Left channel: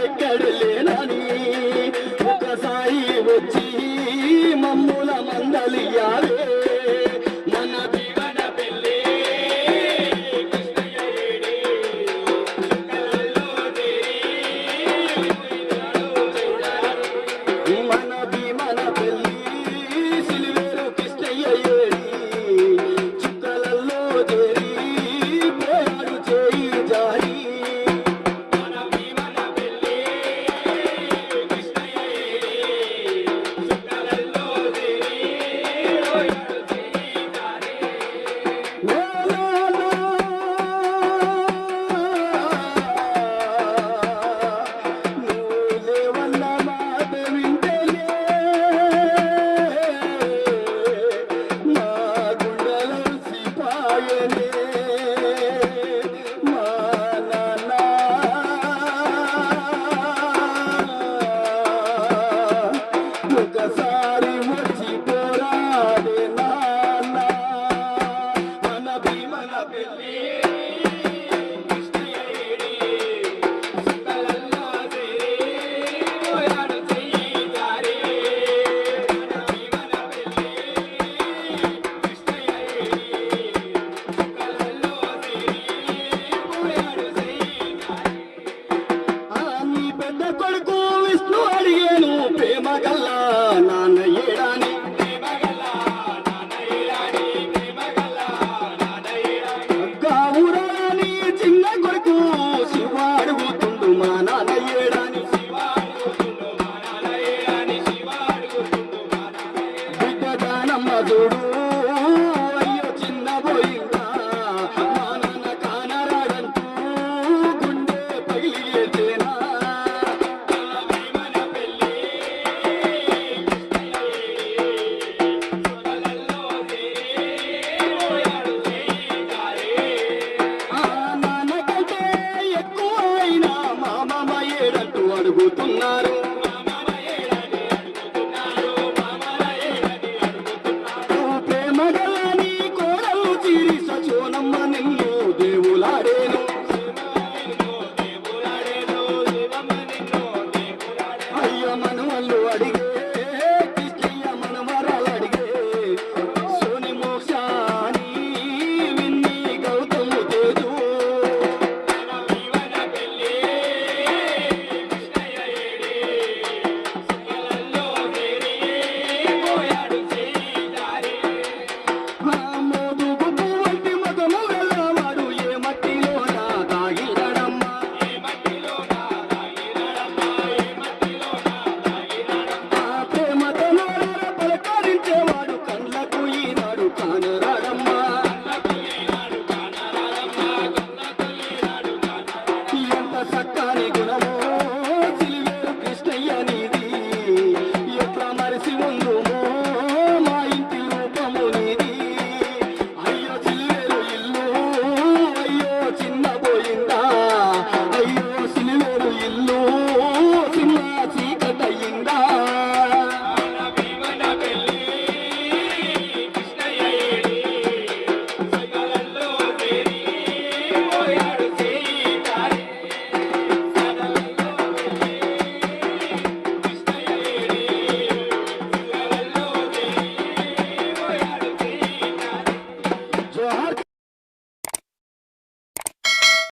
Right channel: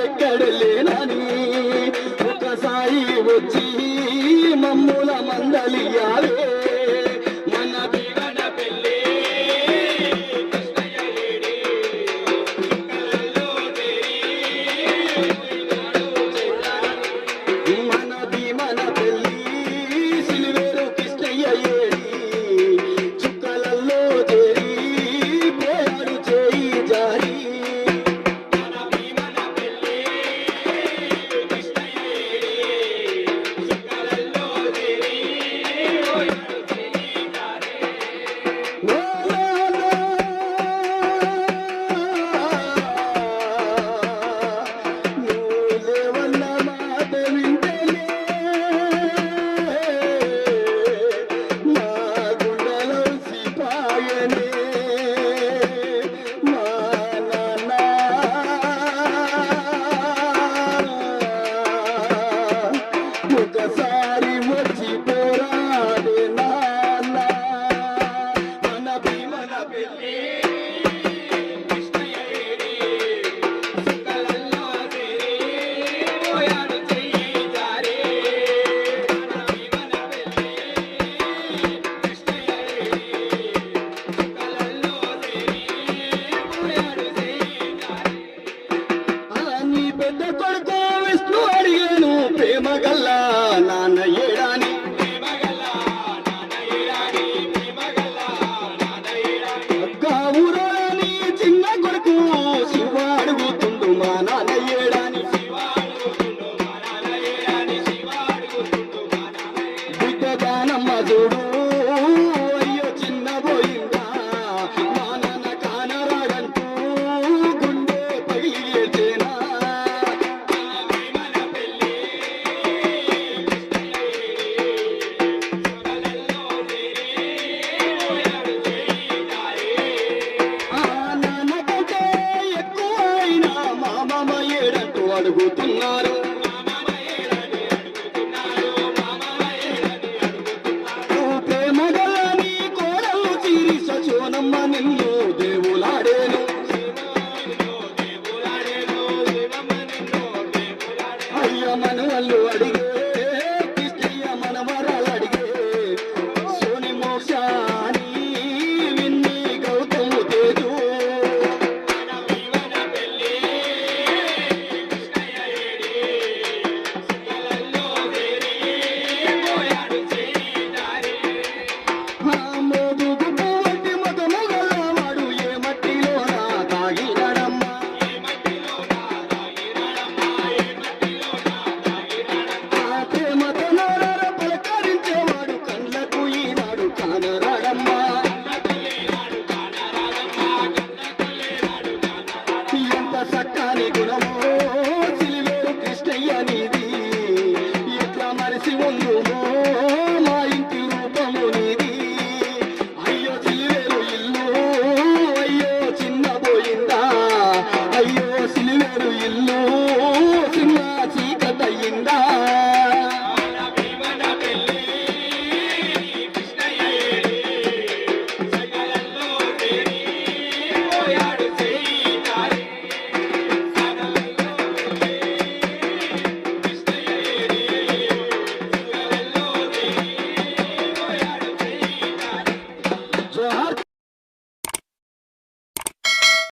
ఎక్కడ లేనని ఒకసారి వచ్చి మమ్ముల మందలియాలే మన బిగన పెళ్ళి మనది మన పెళ్ళి సిలివేరు కృష్ణయ్య ఏరి చుక్కలలో చేరి పోయాడు చేయి జారి ఒకసారి వచ్చి పోరాడే నాన్న మనది మన పెళ్ళి నీ పెద్ద కొడుకు విష్ణు అడిగాను ప్రేమ గల్లా నాన్న ఏడాని ఊరాని చిన్న కొడుకు శివ అడుగుతుండు మా నాన్న ఏడాని బిడ్డ దానమ్మ చూడు అయ్యో చిన్న పోయిందా మా నాన్న కానరాడంటూ గుండె పగిలేనా నాన్న కంటే ఎక్కువ అయినా మా మామ ఏడంటూ అడుగుతున్నారు